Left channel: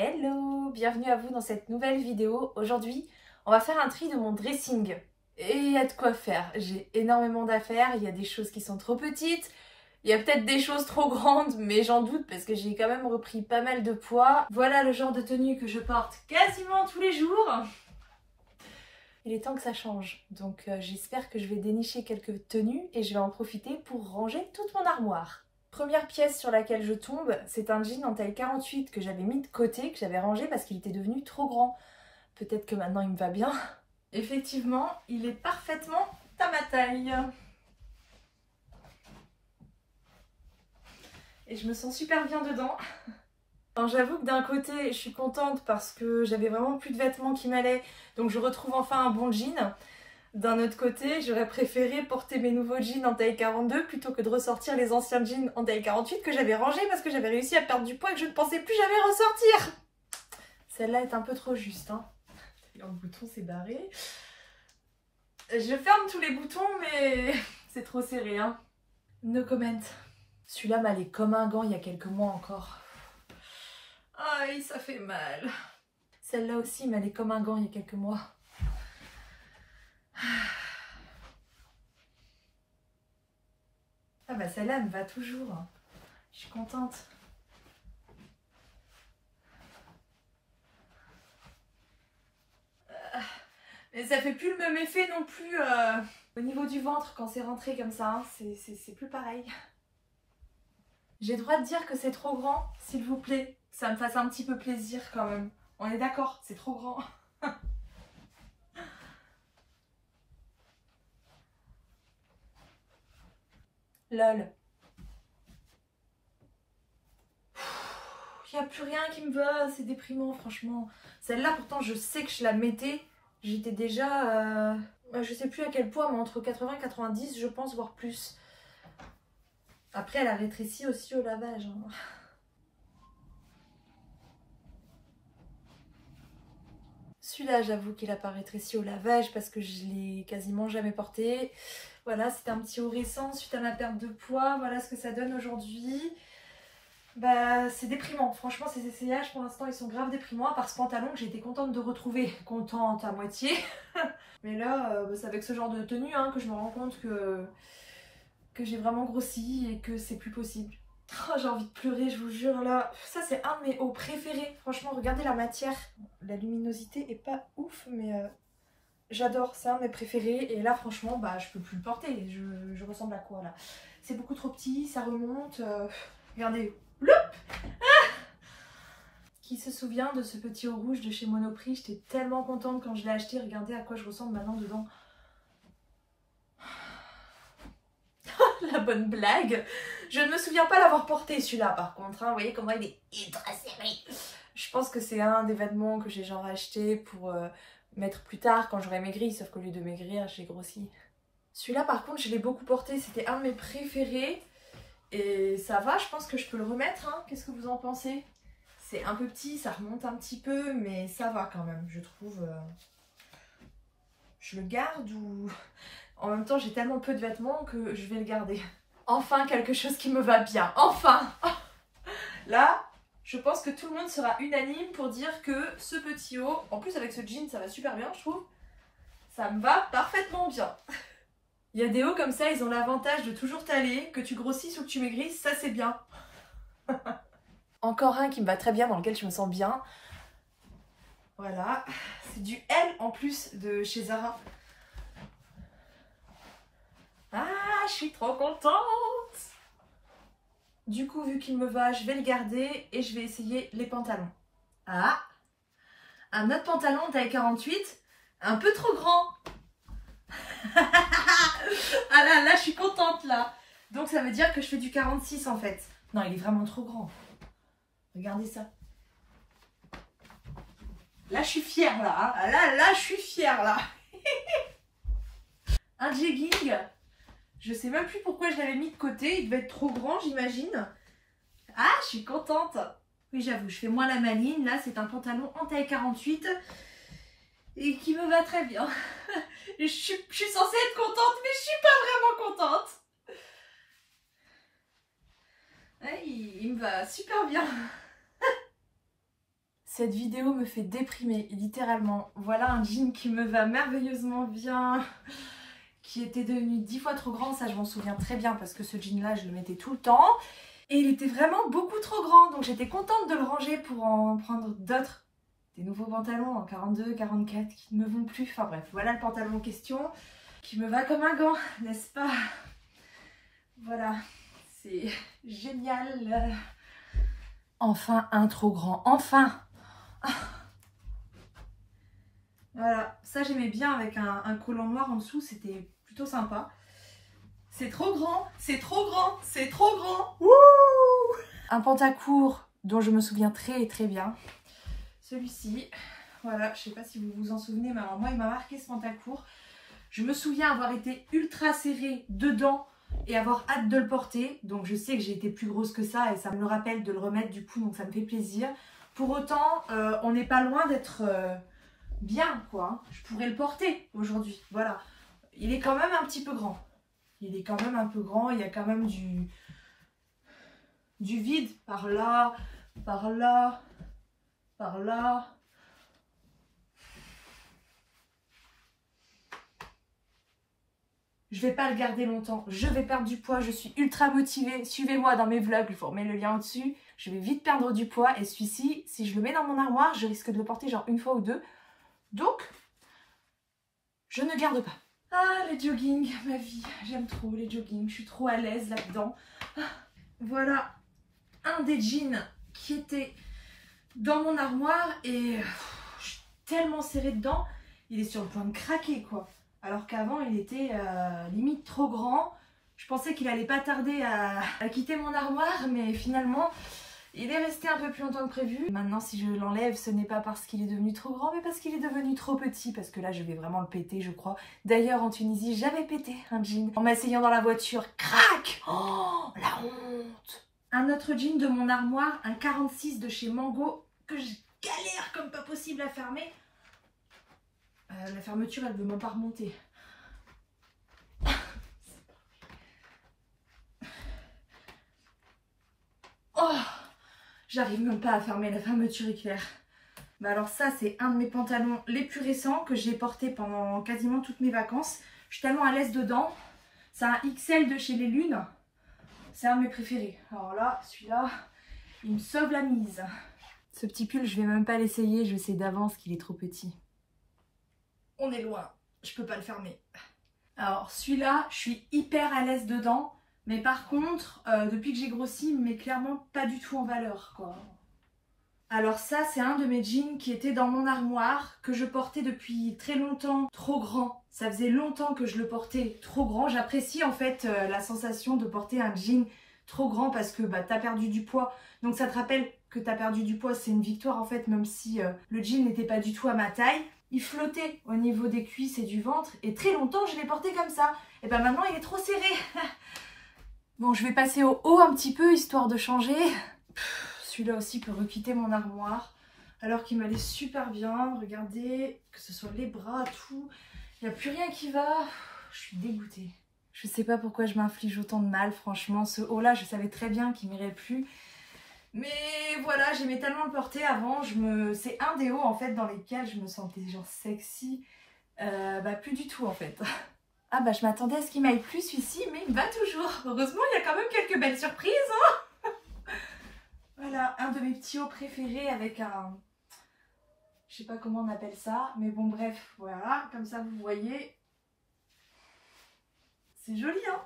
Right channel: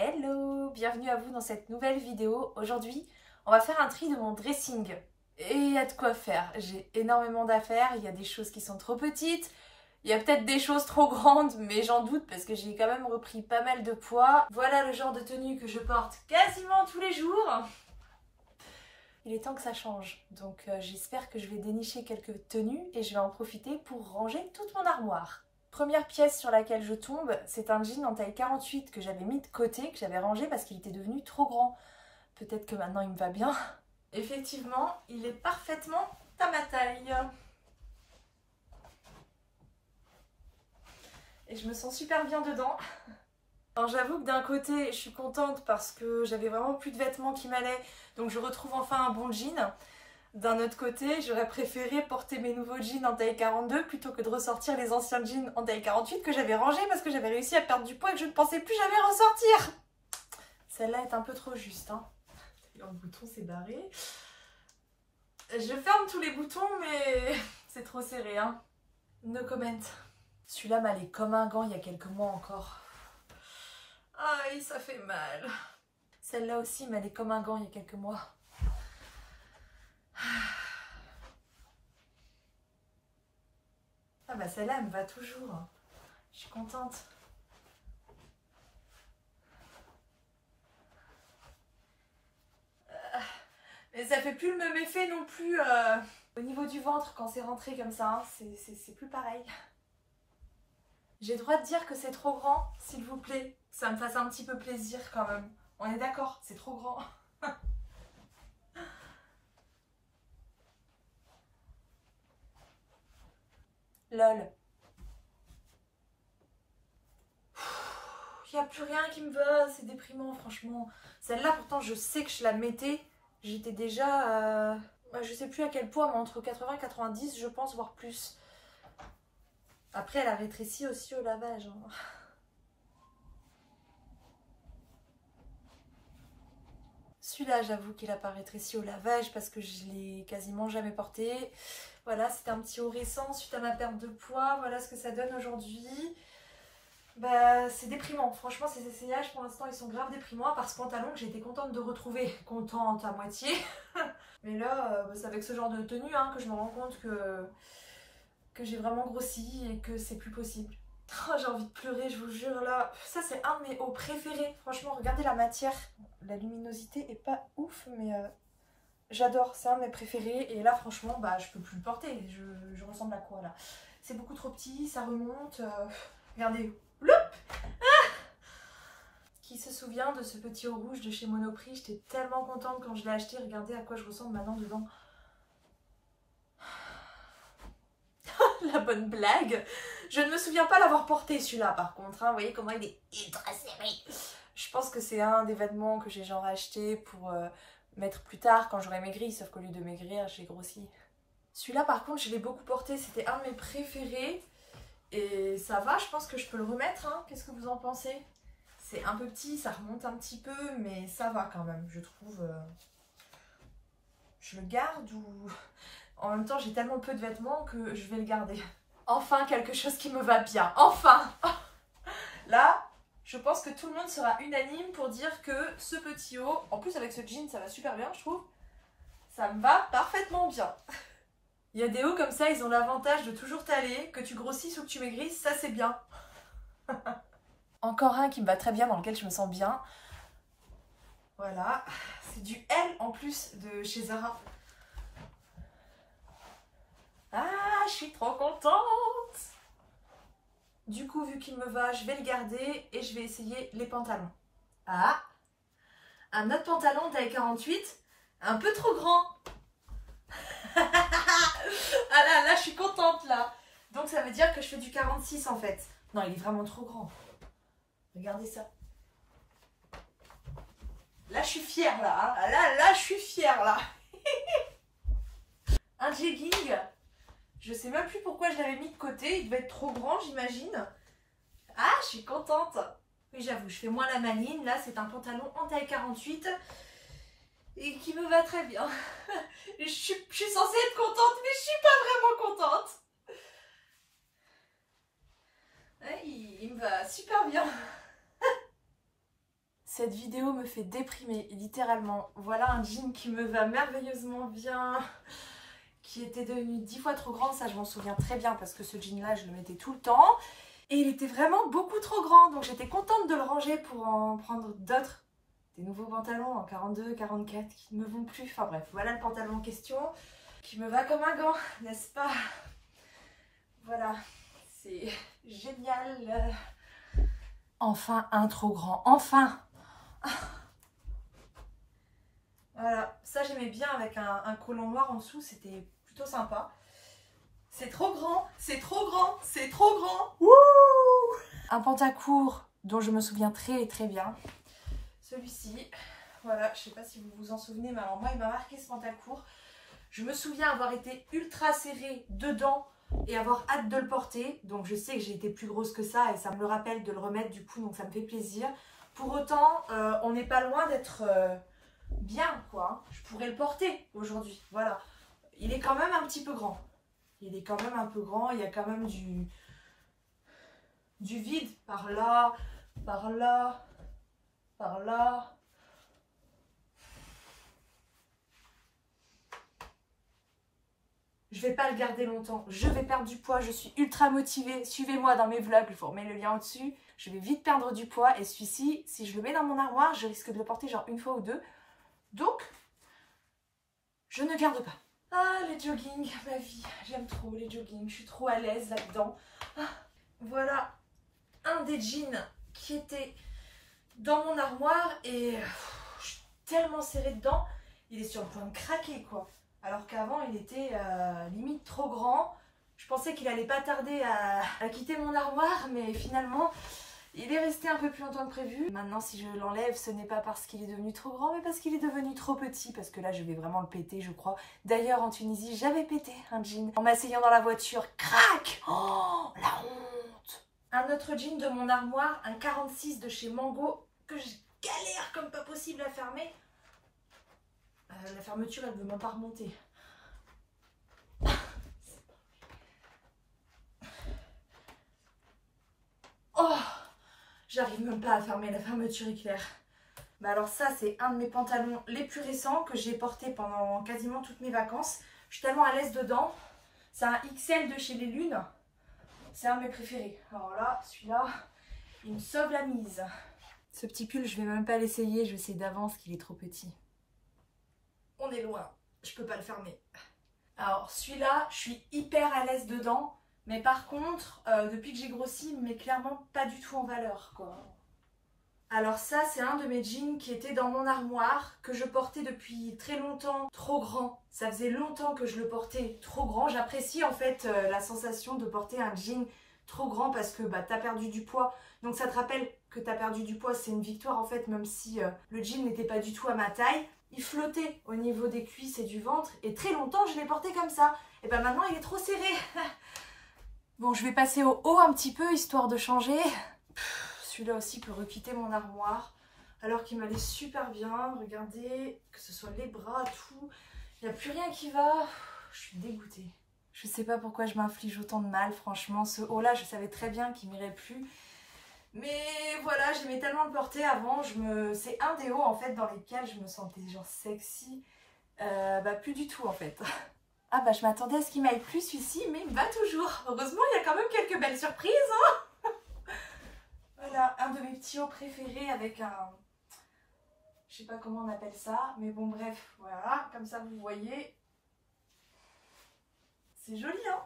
Hello, bienvenue à vous dans cette nouvelle vidéo. Aujourd'hui, on va faire un tri de mon dressing. Et il y a de quoi faire. J'ai énormément d'affaires, il y a des choses qui sont trop petites, il y a peut-être des choses trop grandes, mais j'en doute parce que j'ai quand même repris pas mal de poids. Voilà le genre de tenue que je porte quasiment tous les jours. Il est temps que ça change, donc j'espère que je vais dénicher quelques tenues et je vais en profiter pour ranger toute mon armoire. Première pièce sur laquelle je tombe, c'est un jean en taille 48 que j'avais mis de côté, que j'avais rangé parce qu'il était devenu trop grand. Peut-être que maintenant il me va bien. Effectivement, il est parfaitement à ma taille. Et je me sens super bien dedans. J'avoue que d'un côté, je suis contente parce que j'avais vraiment plus de vêtements qui m'allaient, donc je retrouve enfin un bon jean. D'un autre côté, j'aurais préféré porter mes nouveaux jeans en taille 42 plutôt que de ressortir les anciens jeans en taille 48 que j'avais rangés parce que j'avais réussi à perdre du poids et que je ne pensais plus jamais ressortir. Celle-là est un peu trop juste, hein. Le bouton s'est barré. Je ferme tous les boutons, mais c'est trop serré, hein. No comment. Celui-là m'allait comme un gant il y a quelques mois encore. Aïe, ça fait mal. Celle-là aussi m'allait comme un gant il y a quelques mois. Ah bah celle-là me va toujours. Je suis contente. Mais ça fait plus le même effet non plus au niveau du ventre quand c'est rentré comme ça. Hein. C'est plus pareil. J'ai le droit de dire que c'est trop grand, s'il vous plaît. Que ça me fasse un petit peu plaisir quand même. On est d'accord, c'est trop grand. Lol. Il n'y a plus rien qui me va, c'est déprimant franchement. Celle-là pourtant je sais que je la mettais. J'étais déjà, je sais plus à quel poids, mais entre 80 et 90 je pense, voire plus. Après elle a rétréci aussi au lavage. Hein. Celui-là j'avoue qu'il a pas rétréci au lavage parce que je l'ai quasiment jamais porté. Voilà, c'était un petit haut récent suite à ma perte de poids. Voilà ce que ça donne aujourd'hui. Bah c'est déprimant, franchement ces essayages pour l'instant ils sont grave déprimants, à part ce pantalon que j'ai été contente de retrouver, contente à moitié. Mais là c'est avec ce genre de tenue hein, que je me rends compte que j'ai vraiment grossi et que c'est plus possible. Oh, j'ai envie de pleurer, je vous jure là. Ça c'est un de mes hauts préférés, franchement regardez la matière, la luminosité est pas ouf mais j'adore, c'est un de mes préférés et là franchement bah je peux plus le porter, je ressemble à quoi là. C'est beaucoup trop petit, ça remonte, regardez. Qui se souvient de ce petit haut rouge de chez Monoprix? J'étais tellement contente quand je l'ai acheté. Regardez à quoi je ressemble maintenant dedans. La bonne blague. Je ne me souviens pas l'avoir porté celui-là par contre. Hein. Vous voyez comment il est ultra serré. Je pense que c'est un des vêtements que j'ai genre acheté pour mettre plus tard quand j'aurai maigri. Sauf qu'au lieu de maigrir, j'ai grossi. Celui-là par contre, je l'ai beaucoup porté. C'était un de mes préférés. Et ça va, je pense que je peux le remettre. Hein. Qu'est-ce que vous en pensez? C'est un peu petit, ça remonte un petit peu, mais ça va quand même, je trouve. Je le garde ou... En même temps, j'ai tellement peu de vêtements que je vais le garder. Enfin, quelque chose qui me va bien. Enfin. Là, je pense que tout le monde sera unanime pour dire que ce petit haut, en plus avec ce jean, ça va super bien, je trouve. Ça me va parfaitement bien. Il y a des hauts comme ça, ils ont l'avantage de toujours t'aller, que tu grossisses ou que tu maigrisses, ça c'est bien. Encore un qui me va très bien, dans lequel je me sens bien. Voilà, c'est du L en plus de chez Zara. Ah, je suis trop contente. Du coup, vu qu'il me va, je vais le garder et je vais essayer les pantalons. Ah, un autre pantalon taille 48, un peu trop grand. Ah là, je suis contente là. Donc ça veut dire que je fais du 46 en fait. Non, il est vraiment trop grand. Regardez ça. Là, je suis fière, là. Hein. Là, je suis fière, là. Un jegging. Je sais même plus pourquoi je l'avais mis de côté. Il devait être trop grand, j'imagine. Ah, je suis contente. Oui, j'avoue, je fais moins la maline. Là, c'est un pantalon en taille 48 et qui me va très bien. Je suis censée être contente, mais je suis pas vraiment contente. Ouais, il me va super bien. Cette vidéo me fait déprimer, littéralement. Voilà un jean qui me va merveilleusement bien, qui était devenu 10 fois trop grand, ça je m'en souviens très bien parce que ce jean là je le mettais tout le temps. Et il était vraiment beaucoup trop grand, donc j'étais contente de le ranger pour en prendre d'autres. Des nouveaux pantalons en 42, 44 qui ne me vont plus. Enfin bref, voilà le pantalon en question qui me va comme un gant, n'est-ce pas? Voilà, c'est génial. Enfin un trop grand, enfin. Voilà, ça j'aimais bien avec un collant noir en dessous, c'était plutôt sympa. C'est trop grand, c'est trop grand, c'est trop grand. Wouh! Un pantacourt dont je me souviens très bien. Celui-ci, voilà, je sais pas si vous vous en souvenez, mais alors moi il m'a marqué ce pantacourt. Je me souviens avoir été ultra serrée dedans et avoir hâte de le porter. Donc je sais que j'ai été plus grosse que ça et ça me le rappelle de le remettre du coup, donc ça me fait plaisir. Pour autant, on n'est pas loin d'être bien quoi. Je pourrais le porter aujourd'hui, voilà. Il est quand même un petit peu grand. Il est quand même un peu grand, il y a quand même du vide par là, par là, par là. Je vais pas le garder longtemps, je vais perdre du poids, je suis ultra motivée. Suivez-moi dans mes vlogs, je vous remets le lien au-dessus. Je vais vite perdre du poids et celui-ci, si je le mets dans mon armoire, je risque de le porter genre une fois ou deux. Donc, je ne garde pas. Ah, les jogging, ma vie, j'aime trop les jogging, je suis trop à l'aise là-dedans. Voilà un des jeans qui était dans mon armoire et je suis tellement serrée dedans, il est sur le point de craquer quoi. Alors qu'avant il était limite trop grand. Je pensais qu'il allait pas tarder à quitter mon armoire, mais finalement il est resté un peu plus longtemps que prévu. Maintenant si je l'enlève, ce n'est pas parce qu'il est devenu trop grand, mais parce qu'il est devenu trop petit. Parce que là je vais vraiment le péter je crois. D'ailleurs en Tunisie j'avais pété un jean en m'asseyant dans la voiture. Crac! Oh la honte! Un autre jean de mon armoire, un 46 de chez Mango, que je galère comme pas possible à fermer. La fermeture elle veut même pas remonter. Oh! J'arrive même pas à fermer, la fermeture éclair. Bah alors ça c'est un de mes pantalons les plus récents que j'ai porté pendant quasiment toutes mes vacances. Je suis tellement à l'aise dedans. C'est un XL de chez Les Lunes. C'est un de mes préférés. Alors là, celui-là, il me sauve la mise. Ce petit pull, je vais même pas l'essayer. Je sais d'avance qu'il est trop petit. On est loin. Je peux pas le fermer. Alors celui-là, je suis hyper à l'aise dedans. Mais par contre, depuis que j'ai grossi, il me met clairement pas du tout en valeur, quoi. Alors ça, c'est un de mes jeans qui était dans mon armoire, que je portais depuis très longtemps, trop grand. Ça faisait longtemps que je le portais trop grand. J'apprécie en fait la sensation de porter un jean trop grand parce que bah, t'as perdu du poids. Donc ça te rappelle que t'as perdu du poids, c'est une victoire en fait, même si le jean n'était pas du tout à ma taille. Il flottait au niveau des cuisses et du ventre et très longtemps je l'ai porté comme ça. Et ben maintenant il est trop serré. Bon, je vais passer au haut un petit peu histoire de changer. Celui-là aussi peut requitter mon armoire alors qu'il m'allait super bien. Regardez, que ce soit les bras, tout. Il n'y a plus rien qui va. Je suis dégoûtée. Je sais pas pourquoi je m'inflige autant de mal, franchement. Ce haut-là, je savais très bien qu'il m'irait plus. Mais voilà, j'aimais tellement le porter avant. C'est un des hauts en fait dans lesquels je me sentais genre sexy. Bah plus du tout en fait. Ah bah je m'attendais à ce qu'il m'aille plus celui-ci, mais il me va toujours. Heureusement, il y a quand même quelques belles surprises. Hein. Voilà, un de mes petits hauts préférés avec un... Je sais pas comment on appelle ça, mais bon bref, voilà, comme ça vous voyez. C'est joli, hein?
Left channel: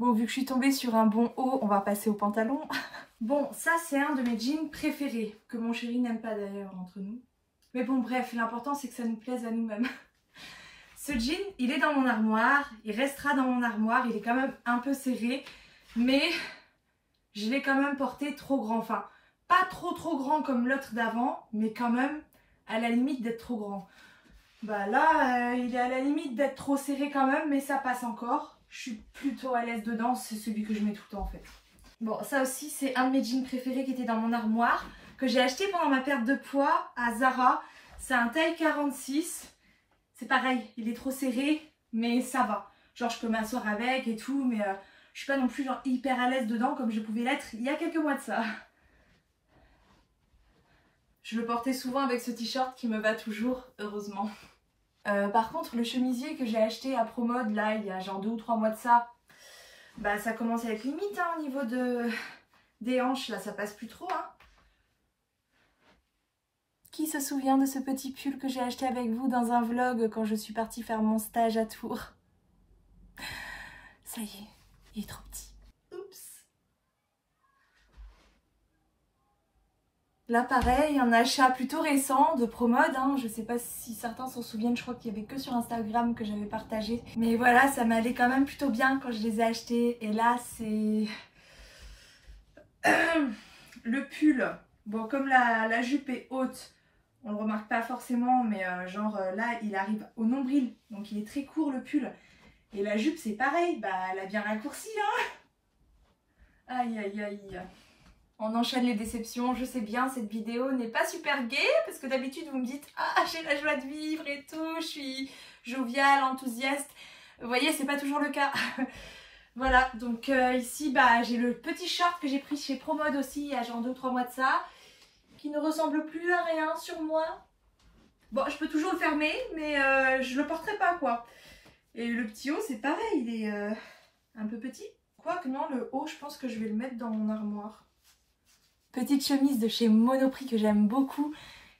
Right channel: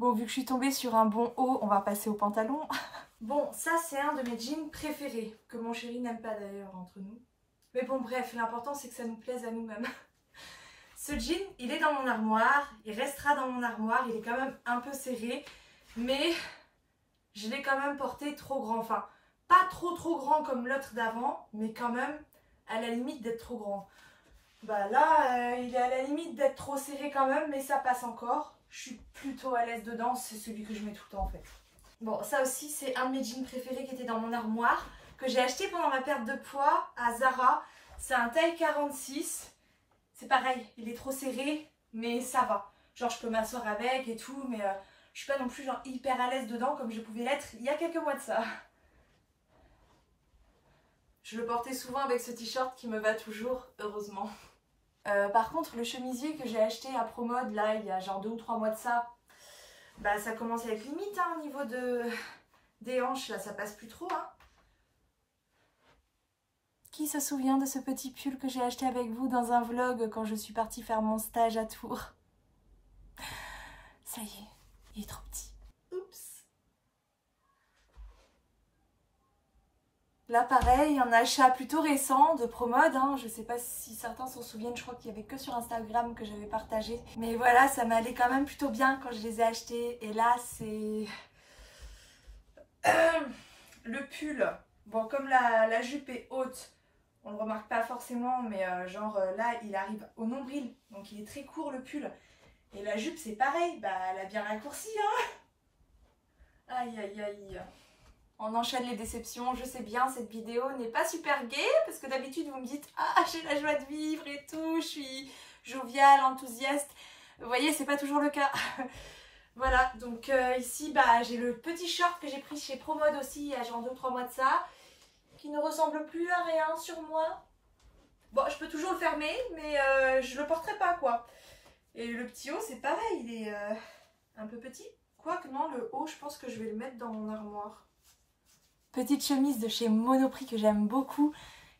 Bon, vu que je suis tombée sur un bon haut, on va passer au pantalon. Bon, ça c'est un de mes jeans préférés, que mon chéri n'aime pas d'ailleurs entre nous. Mais bon bref, l'important c'est que ça nous plaise à nous-mêmes. Ce jean, il est dans mon armoire, il restera dans mon armoire, il est quand même un peu serré, mais je l'ai quand même porté trop grand. Enfin, pas trop grand comme l'autre d'avant, mais quand même à la limite d'être trop grand. Bah là, il est à la limite d'être trop serré quand même, mais ça passe encore. Je suis plutôt à l'aise dedans, c'est celui que je mets tout le temps en fait. Bon, ça aussi, c'est un de mes jeans préférés qui était dans mon armoire, que j'ai acheté pendant ma perte de poids à Zara. C'est un taille 46. C'est pareil, il est trop serré, mais ça va. Genre, je peux m'asseoir avec et tout, mais je suis pas non plus genre hyper à l'aise dedans comme je pouvais l'être il y a quelques mois de ça. Je le portais souvent avec ce t-shirt qui me va toujours, heureusement. Par contre, le chemisier que j'ai acheté à Promode, là, il y a genre 2 ou 3 mois de ça, bah ça commence à être limite hein, au niveau des hanches, là, ça passe plus trop. Hein. Qui se souvient de ce petit pull que j'ai acheté avec vous dans un vlog quand je suis partie faire mon stage à Tours? Ça y est, il est trop petit. Oups. Là pareil, un achat plutôt récent de Promode. Hein. Je sais pas si certains s'en souviennent, je crois qu'il y avait que sur Instagram que j'avais partagé. Mais voilà, ça m'allait quand même plutôt bien quand je les ai achetés. Et là c'est... le pull. Bon, comme la jupe est haute, on le remarque pas forcément, mais genre là, il arrive au nombril. Donc il est très court le pull. Et la jupe, c'est pareil. Bah, elle a bien raccourci, hein. Aïe, aïe, aïe. On enchaîne les déceptions. Je sais bien, cette vidéo n'est pas super gaie. Parce que d'habitude, vous me dites « Ah, j'ai la joie de vivre et tout. Je suis joviale, enthousiaste. » Vous voyez, c'est pas toujours le cas. Voilà, donc ici, bah, j'ai le petit short que j'ai pris chez Promode aussi, il y a genre 2 ou 3 mois de ça. Qui ne ressemble plus à rien sur moi. Bon, je peux toujours le fermer, mais je le porterai pas, quoi. Et le petit haut, c'est pareil, il est un peu petit. Quoique non, le haut, je pense que je vais le mettre dans mon armoire. Petite chemise de chez Monoprix que j'aime beaucoup.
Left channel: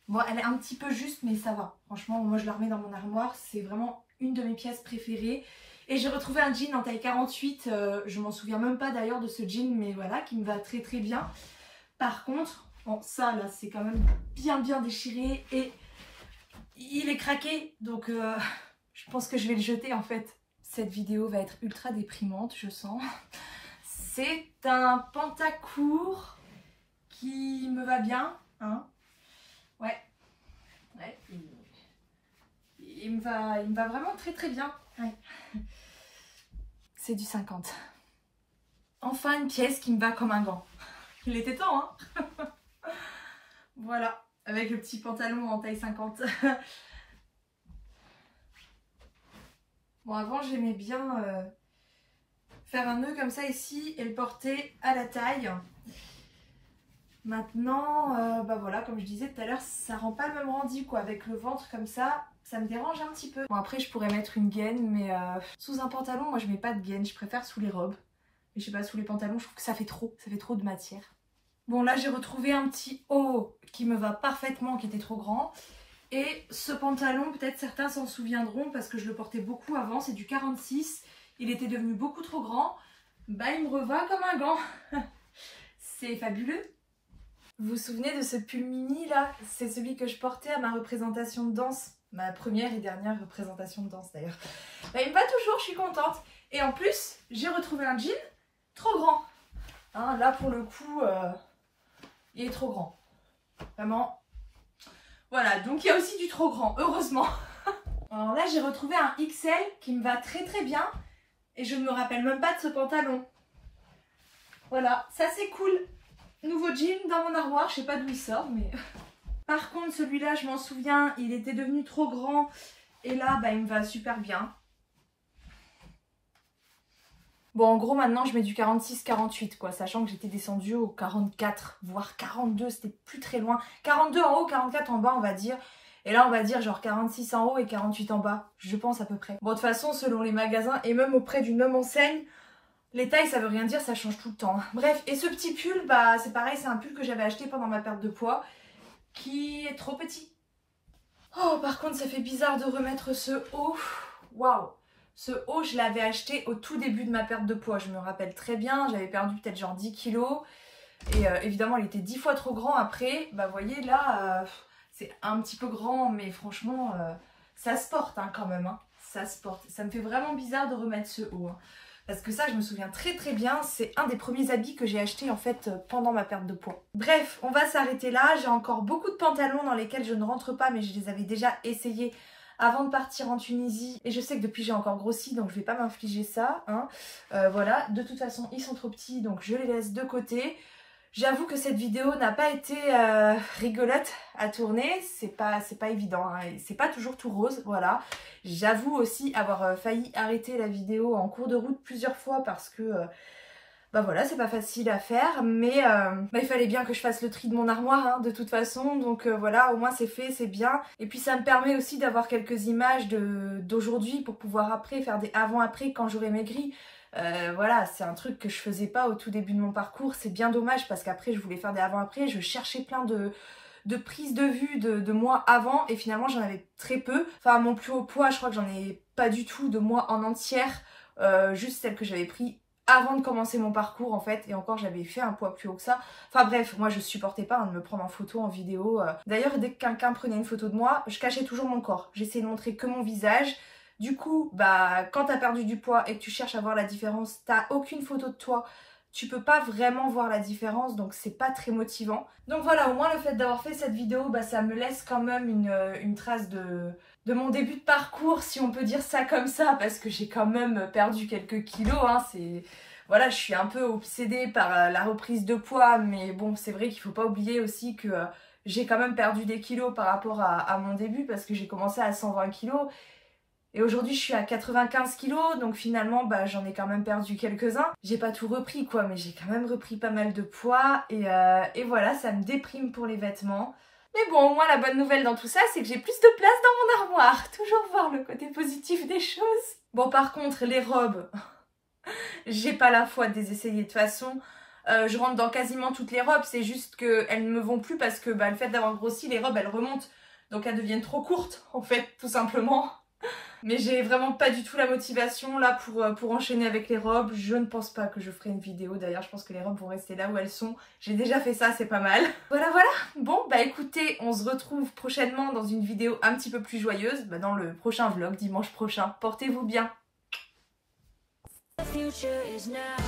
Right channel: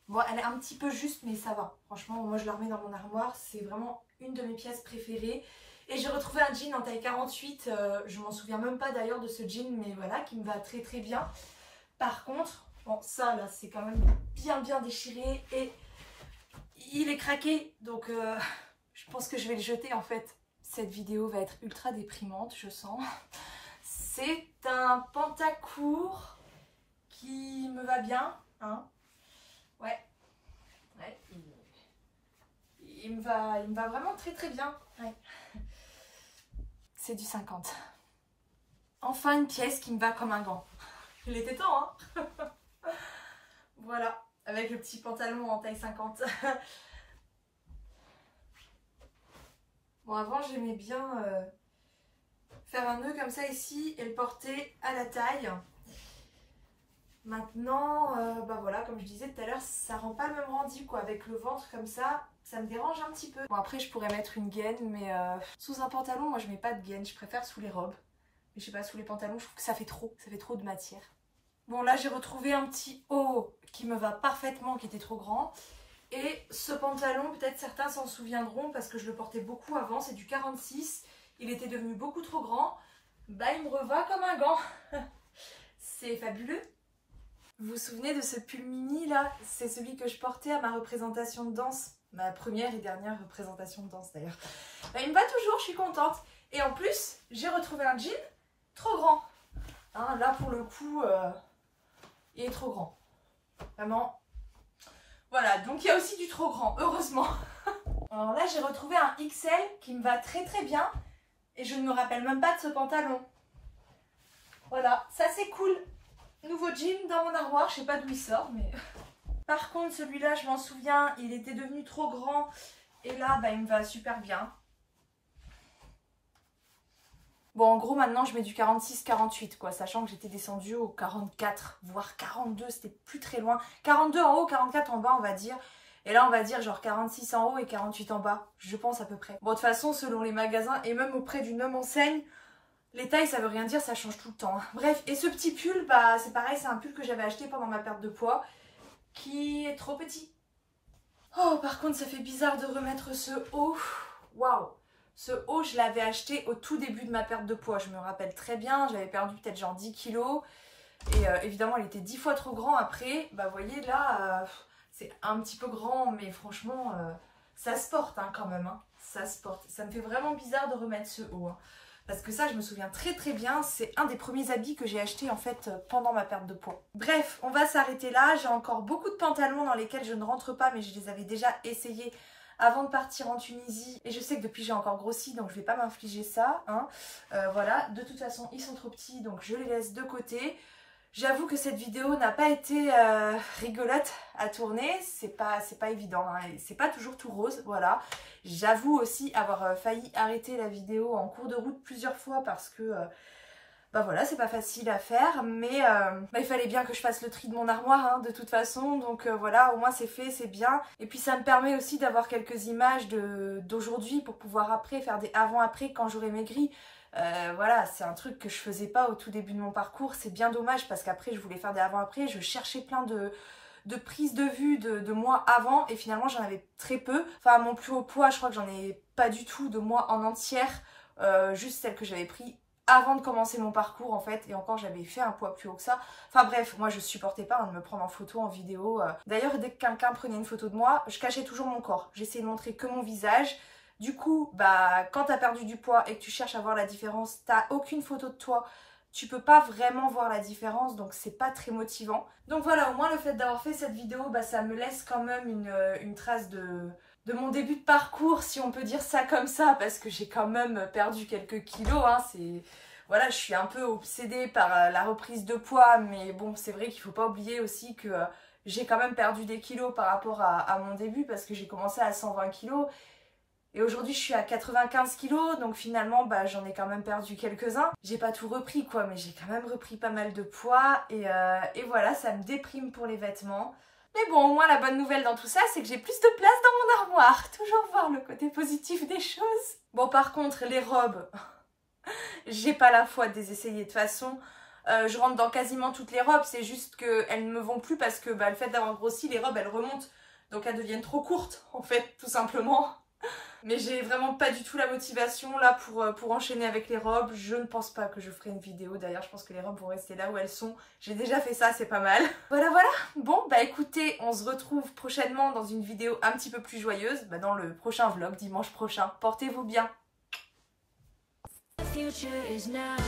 Bon, elle est un petit peu juste, mais ça va. Franchement, moi, je la remets dans mon armoire. C'est vraiment une de mes pièces préférées. Et j'ai retrouvé un jean en taille 48. Je m'en souviens même pas d'ailleurs de ce jean, mais voilà, qui me va très très bien. Par contre... Bon, ça, là, c'est quand même bien déchiré et il est craqué. Donc, je pense que je vais le jeter, en fait. Cette vidéo va être ultra déprimante, je sens. C'est un pantacourt qui me va bien. Hein. Ouais. Il me va vraiment très, très bien. Ouais. C'est du 50. Enfin, une pièce qui me va comme un gant. Il était temps, hein. Voilà, avec le petit pantalon en taille 50. Bon, avant, j'aimais bien faire un nœud comme ça ici et le porter à la taille. Maintenant, bah voilà, comme je disais tout à l'heure, ça rend pas le même rendu, quoi. Avec le ventre comme ça me dérange un petit peu. Bon, après, je pourrais mettre une gaine, mais sous un pantalon, moi, je mets pas de gaine. Je préfère sous les robes. Mais je sais pas, sous les pantalons, je trouve que ça fait trop de matière. Bon, là, j'ai retrouvé un petit haut qui me va parfaitement, qui était trop grand. Et ce pantalon, peut-être certains s'en souviendront parce que je le portais beaucoup avant. C'est du 46. Il était devenu beaucoup trop grand. Bah, il me reva comme un gant. C'est fabuleux. Vous vous souvenez de ce pull mini, là? C'est celui que je portais à ma représentation de danse. Ma première et dernière représentation de danse, d'ailleurs. Bah, il me va toujours, je suis contente. Et en plus, j'ai retrouvé un jean trop grand. Hein, là, pour le coup... il est trop grand. Vraiment. Voilà, donc il y a aussi du trop grand, heureusement. Alors là, j'ai retrouvé un XL qui me va très très bien. Et je ne me rappelle même pas de ce pantalon. Voilà, ça c'est cool. Nouveau jean dans mon armoire, je sais pas d'où il sort, mais... Par contre, celui-là, je m'en souviens, il était devenu trop grand. Et là, bah, il me va super bien. Bon, en gros, maintenant, je mets du 46-48, quoi, sachant que j'étais descendue au 44, voire 42, c'était plus très loin. 42 en haut, 44 en bas, on va dire. Et là, on va dire genre 46 en haut et 48 en bas, je pense à peu près. Bon, de toute façon, selon les magasins, et même auprès d'une même enseigne, les tailles, ça veut rien dire, ça change tout le temps. Bref, et ce petit pull, bah, c'est pareil, c'est un pull que j'avais acheté pendant ma perte de poids, qui est trop petit. Oh, par contre, ça fait bizarre de remettre ce haut. Waouh! Ce haut, je l'avais acheté au tout début de ma perte de poids. Je me rappelle très bien, j'avais perdu peut-être genre 10 kilos. Et évidemment, il était 10 fois trop grand après. Bah, vous voyez, là, c'est un petit peu grand, mais franchement, ça se porte hein, quand même. Hein. Ça se porte. Ça me fait vraiment bizarre de remettre ce haut. Hein. Parce que ça, je me souviens très très bien. C'est un des premiers habits que j'ai acheté en fait pendant ma perte de poids. Bref, on va s'arrêter là. J'ai encore beaucoup de pantalons dans lesquels je ne rentre pas, mais je les avais déjà essayés avant de partir en Tunisie. Et je sais que depuis j'ai encore grossi, donc je vais pas m'infliger ça. Hein. Voilà, de toute façon, ils sont trop petits, donc je les laisse de côté. J'avoue que cette vidéo n'a pas été rigolote à tourner, c'est pas évident, hein, c'est pas toujours tout rose, voilà. J'avoue aussi avoir failli arrêter la vidéo en cours de route plusieurs fois parce que Bah voilà, c'est pas facile à faire, mais il fallait bien que je fasse le tri de mon armoire hein, de toute façon, donc voilà, au moins c'est fait, c'est bien. Et puis ça me permet aussi d'avoir quelques images d'aujourd'hui pour pouvoir après faire des avant-après quand j'aurai maigri. Voilà, c'est un truc que je faisais pas au tout début de mon parcours, c'est bien dommage parce qu'après je voulais faire des avant-après, je cherchais plein de prises de vue de moi avant et finalement j'en avais très peu. Enfin mon plus haut poids, je crois que j'en ai pas du tout de moi en entière, juste celle que j'avais pris avant de commencer mon parcours en fait, et encore j'avais fait un poids plus haut que ça. Enfin bref, moi je supportais pas hein, de me prendre en photo, en vidéo. D'ailleurs dès que quelqu'un prenait une photo de moi, je cachais toujours mon corps. J'essayais de montrer que mon visage. Du coup, bah quand t'as perdu du poids et que tu cherches à voir la différence, t'as aucune photo de toi. Tu peux pas vraiment voir la différence, donc c'est pas très motivant. Donc voilà, au moins le fait d'avoir fait cette vidéo, bah ça me laisse quand même une trace de mon début de parcours, si on peut dire ça comme ça, parce que j'ai quand même perdu quelques kilos, hein, voilà, je suis un peu obsédée par la reprise de poids, mais bon, c'est vrai qu'il faut pas oublier aussi que j'ai quand même perdu des kilos par rapport à mon début, parce que j'ai commencé à 120 kilos, et aujourd'hui je suis à 95 kilos, donc finalement bah, j'en ai quand même perdu quelques-uns. J'ai pas tout repris quoi, mais j'ai quand même repris pas mal de poids, et voilà, ça me déprime pour les vêtements. Mais bon, au moins la bonne nouvelle dans tout ça, c'est que j'ai plus de place dans mon armoire. Toujours voir le côté positif des choses. Bon, par contre, les robes, j'ai pas la foi de les essayer. De toute façon, je rentre dans quasiment toutes les robes. C'est juste qu'elles ne me vont plus parce que bah, le fait d'avoir grossi, les robes, elles remontent. Donc elles deviennent trop courtes, en fait, tout simplement. Mais j'ai vraiment pas du tout la motivation là pour enchaîner avec les robes. Je ne pense pas que je ferai une vidéo. D'ailleurs, je pense que les robes vont rester là où elles sont. J'ai déjà fait ça, c'est pas mal. Voilà. Bon, bah écoutez, on se retrouve prochainement dans une vidéo un petit peu plus joyeuse. Bah, dans le prochain vlog, dimanche prochain. Portez-vous bien. The future is now.